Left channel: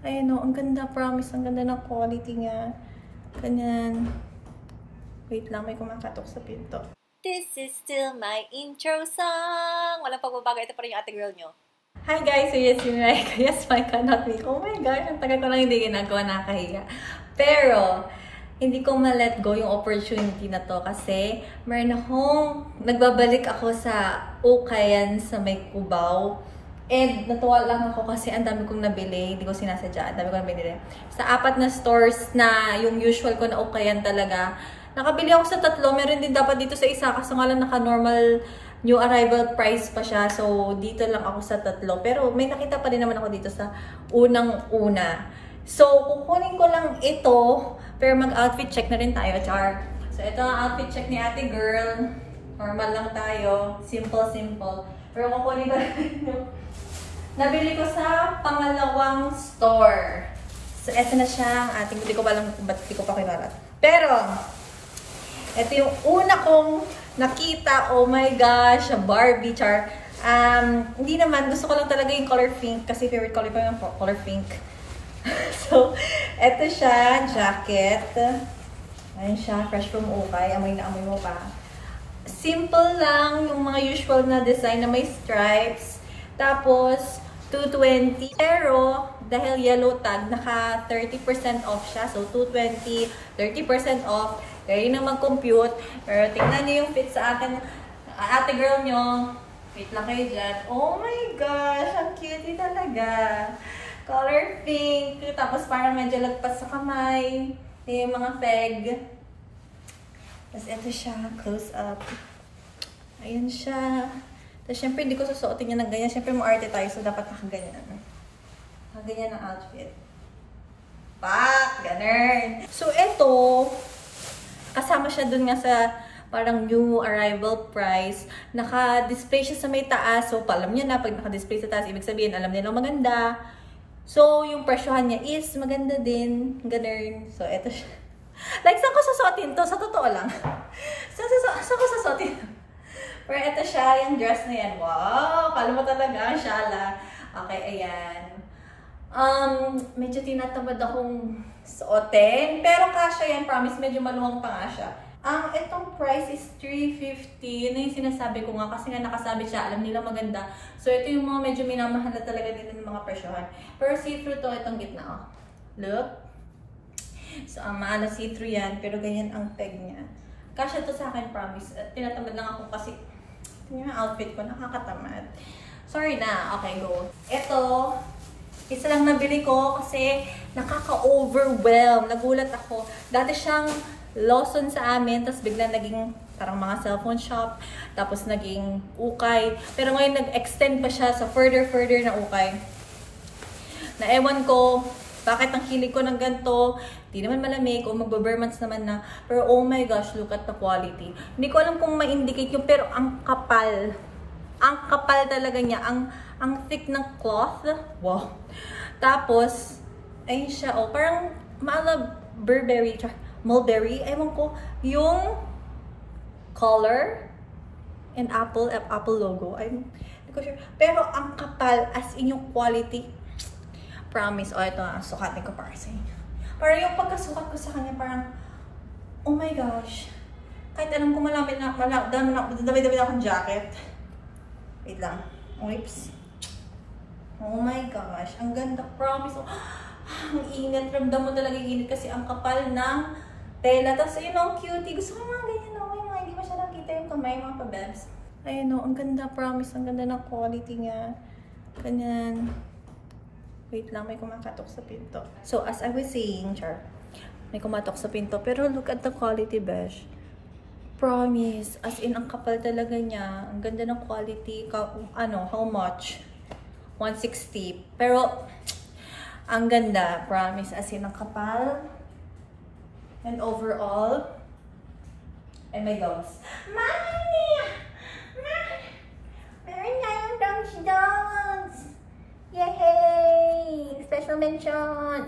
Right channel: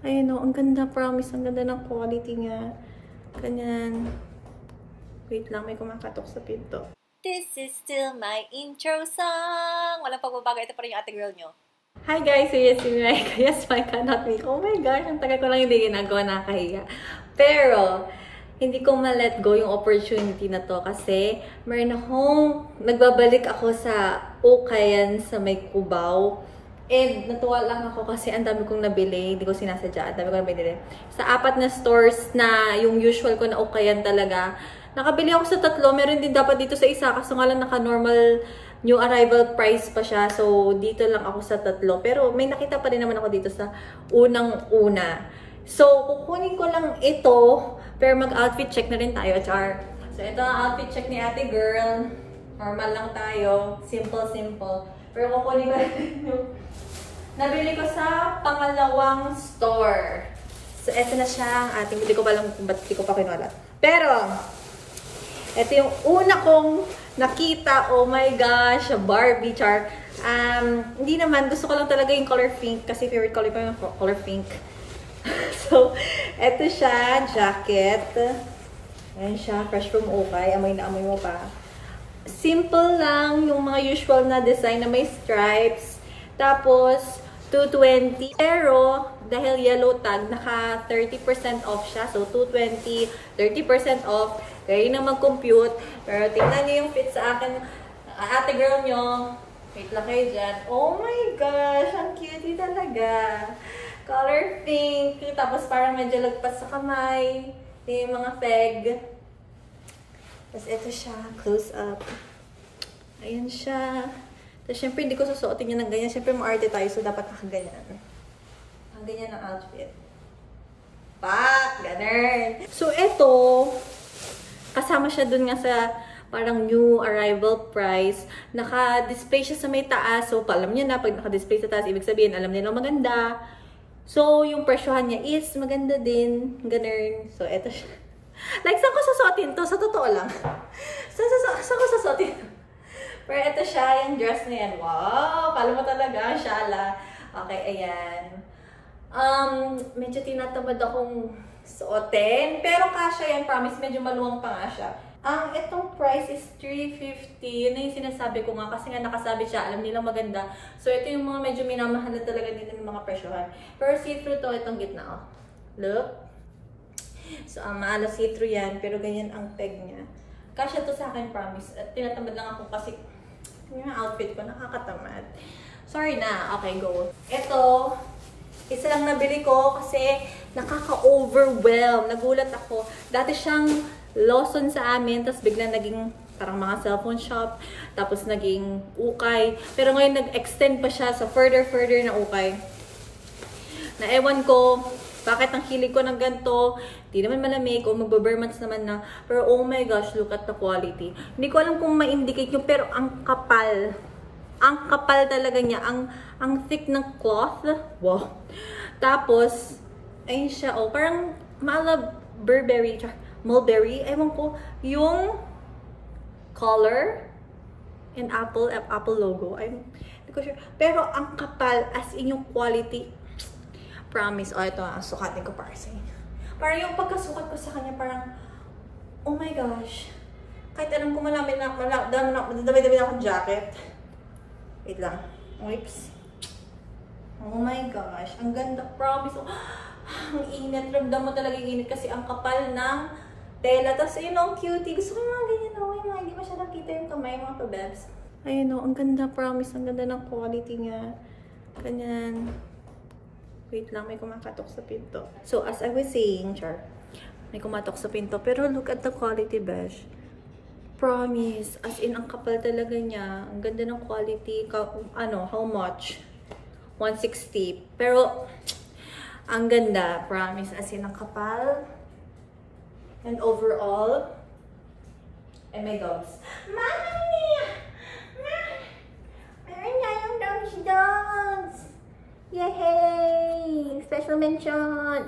Ayun o, ang ganda, promise. Ang ganda ng quality niya. Ganyan. Wait lang, may kumakatok sa pinto. This is still my intro song. Walang pagbabago. Ito pa rin yung ate girl nyo. Hi guys, so yes, yes, my cannot me. Oh my gosh, ang tagal ko lang hindi ginagawa, nakahiga. Pero, hindi ko ma-let go yung opportunity na to kasi meron akong, nagbabalik ako sa Ukayan sa may Cubao. And natuwa lang ako kasi ang dami kong nabili, hindi ko sinasadya, ang dami kong nabili. Sa 4 na stores na yung usual ko na Ukayan talaga, nakabili ako sa 3, meron din dapat dito sa isa kaso nga lang naka-normal new arrival price pa siya. So, dito lang ako sa 3. Pero may nakita pa rin naman ako dito sa unang-una. So, kukunin ko lang ito. Pero mag-outfit check na rin tayo, char. So, ito ang outfit check ni ate girl. Normal lang tayo. Simple. Pero kukunin ko lang yung nabili ko sa pangalawang store. So, ito na siya ang ating, hindi ko pa lang kung ba't hindi ko pa kinulat. Pero, ito yung una kong nakita. Oh my gosh, Barbie, char. Hindi naman, gusto ko lang talaga yung color pink kasi favorite color pa yung color pink. So, ito siya, jacket. Ayan siya, fresh from Ukay. Amoy na amoy mo pa. Simple lang, yung mga usual na design na may stripes. Tapos, 220. Pero, dahil yellow tag, naka 30% off siya. So, 220, 30% off. Kaya yun na mag-compute. Pero tingnan nyo yung fit sa akin. Ate girl nyo. Wait lang kayo dyan. Oh my gosh! Ang cutie talaga. Color pink. Tapos parang medyo lagpas sa kamay. Yung mga peg. Tapos ito siya. Close up. Ayan siya. Tapos syempre hindi ko susuotin niya ng ganyan. Syempre maarte tayo. So dapat nakaganyan. Nakaganyan ang outfit. Pak! Ganun. So ito. Kasama siya dun nga sa parang new arrival price. Naka-display siya sa may taas. So, alam niyo na, pag naka-display sa taas, ibig sabihin, alam niyo na maganda. So, yung presyohan niya is maganda din. Ganun. So, eto siya. Like, saan ko susuotin to? Sa totoo lang. Saan ko susuotin to? Pero eto siya, yung dress na yan. Wow! Kala mo talaga, shala. Okay, ayan. Medyo tinatamad akong suotin. Pero kasha yan, promise, medyo maluwang pa nga siya. Itong price is 350. Yun na yung sinasabi ko nga kasi nga nakasabi siya. Alam nila maganda. So, ito yung mga medyo minamahal na talaga nila ng mga presyohan. Pero see-through to, itong gitna, oh. Look. So, maalas see-through yan. Pero ganyan ang peg niya. Kasha to sa akin, promise. At tinatamad lang ako kasi yung outfit ko, nakakatamad. Sorry na. Okay, go. Ito, isa lang nabili ko kasi nakaka-overwhelm. Nagulat ako. Dati siyang Lawson sa amin, tapos biglang naging parang mga cellphone shop, tapos naging Ukay. Pero ngayon nag-extend pa siya sa further na Ukay. Na ewan ko, bakit ang hilig ko ng ganito, di naman malamig o magba-bare months naman na. Pero oh my gosh, look at the quality. Hindi ko alam kung ma-indicate nyo, pero ang kapal. Ang kapal talaga niya. Ang thick ng cloth. Wow. Tapos, ayun siya, oh, parang mulberry, ewan ko, yung color and apple logo. I'm hindi ko sure. Pero ang kapal, as in yung quality, promise. Oh, ito nga, sukatin ko para sa inyo. Parang yung pagkasukat ko sa kanya, parang, oh my gosh. Kahit alam ko dami na akong jacket. Wait lang. Oops. Oh my gosh. Ang ganda, promise. Oh, ang init. Ramdam mo talaga yung init kasi ang kapal ng tela. Tapos, yun ang cutie. Gusto ko mga ganyan, no? Yung mga hindi masyadong kita yung kamay, mga pabebs. Ayun, no? Ang ganda, promise. Ang ganda ng quality niya. Ganyan. Wait lang, may kumakatok sa pinto. So, as I was saying, char, may kumatok sa pinto. Pero look at the quality, besh. Promise. As in, ang kapal talaga niya. Ang ganda ng quality. How much? 160. Pero, ang ganda. Promise. As in, ang kapal. And overall, ay may dogs. Mommy! Meron na yung dogs! Yay! Special mention!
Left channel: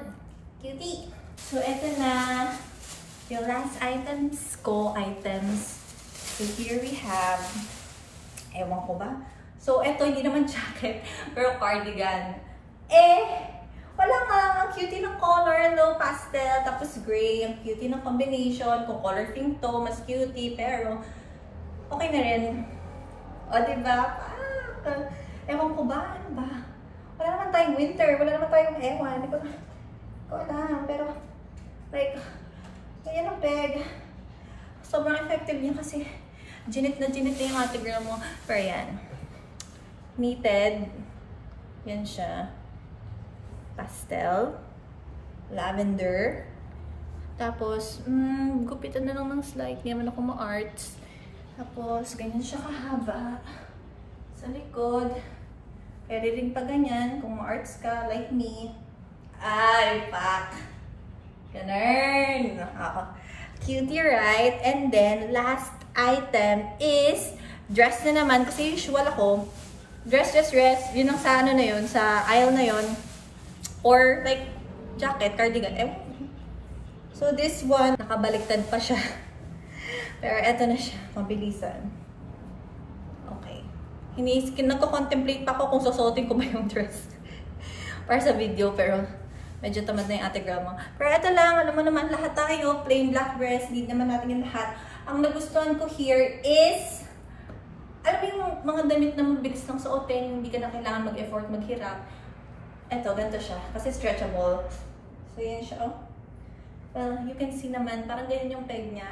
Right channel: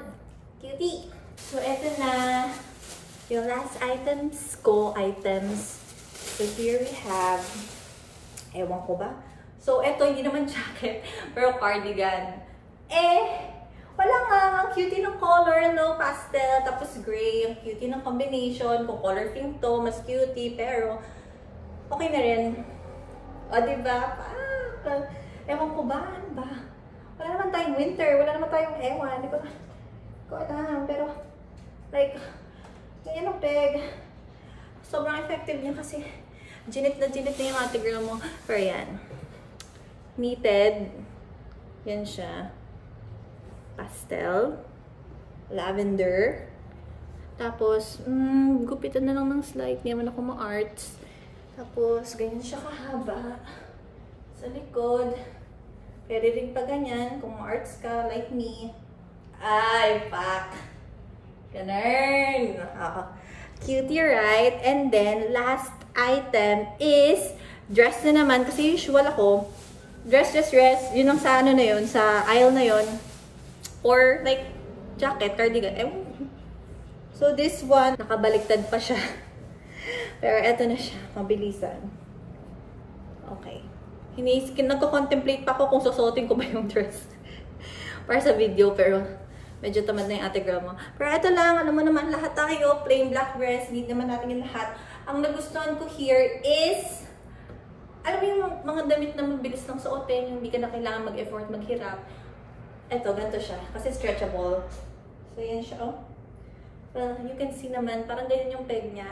Cutie! So, ito na. Yung last items. So, here we have, ewan ko ba? So, ito, hindi naman jacket, pero cardigan. Wala nga, ang cutie ng color, no? Pastel, tapos gray. Ang cutie ng combination. Kung color pink to, mas cutie. Pero, okay na rin. O, diba? Ewan ko ba? Ano ba? Wala naman tayong winter. Wala naman tayong ewan. Hindi ko alam. Pero, like, yan ang peg. Sobrang effective niya kasi ginit na yung ate girl mo. Pero yan. Knitted. Yan siya. Pastel. Lavender. Tapos, gupitan na lang ng slide. Hindi naman ako ma-arts. Tapos, ganyan siya kahaba. Sa likod. Pwede rin pa ganyan kung ma-arts ka like me. Ay, pak! Ganun! Cutie, right? And then, last item is dress na naman. Kasi usual ako, dress. Yun ang sa ano na yun, sa aisle na yun. Or like, jacket, cardigan. So, this one, nakabaliktad pa siya. Pero eto na siya, mabilisan. Okay. Nagko-contemplate pa ako kung susuotin ko ba yung dress. Para sa video, pero medyo tamad na yung ate girl mo. Pero eto lang, alam mo naman, lahat tayo, plain black dress, need naman natin yung lahat. Ang nagustuhan ko here is, alam mo yung mga damit na mabilis lang suotin, hindi ka na kailangan mag-effort, maghirap. Eto, ganito siya, kasi stretchable. So, yan siya, oh. You can see naman, parang ganyan yung peg niya.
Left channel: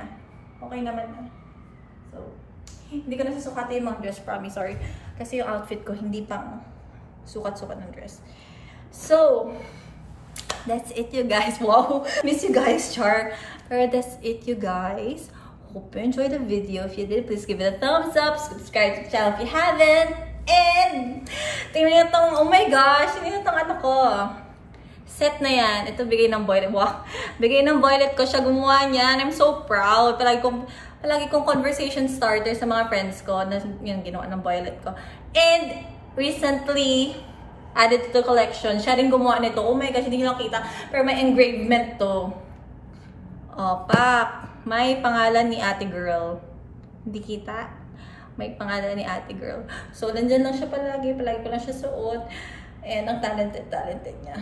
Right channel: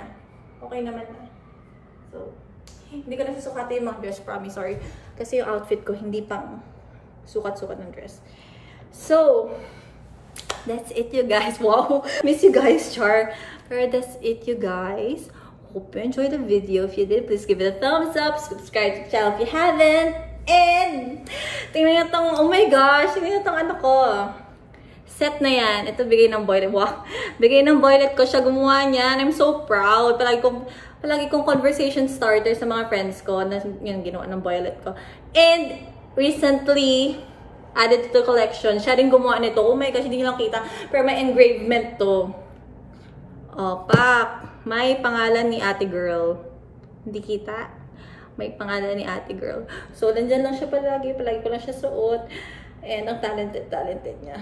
Okay naman na. So, hindi ko na susukati yung mga dress, promise, sorry. Kasi yung outfit ko, hindi pang sukat-sukat ng dress. So, that's it, you guys. Wow, miss you guys, char. Pero that's it, you guys. Hope you enjoyed the video. If you did, please give it a thumbs up. Subscribe to the channel if you haven't. And, tingnan nyo itong, oh my gosh, tingnan nyo itong ano ko. Set na yan. Ito, bigay ng boylet. Wow. Bigay ng boylet ko. Siya gumawa niyan. I'm so proud. Palagi kong conversation starter sa mga friends ko na yung ginawa ng boylet ko. And, recently, added to the collection. Siya rin gumawa nito. Oh my gosh, hindi nyo nakita. Pero may engravement to. Oh, pak. May pangalan ni ate girl. Hindi kita? May pangalan ni ate girl. So, nandyan lang siya palagi. Palagi ko lang siya suot. And, ang talented niya.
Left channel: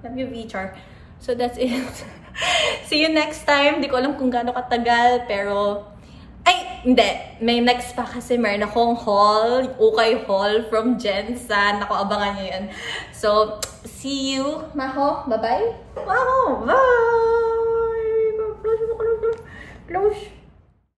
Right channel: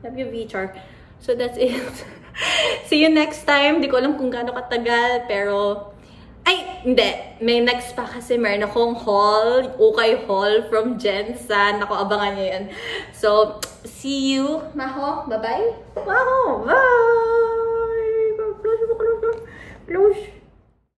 Love you, V-Char. So, that's it. See you next time. Di ko alam kung gaano katagal, pero... Ay, hindi. May next pa kasi meron akong haul. Ukay haul from Jensen. Ako, abangan nyo yan. So, see you. Maho, bye-bye. Maho, bye! Close.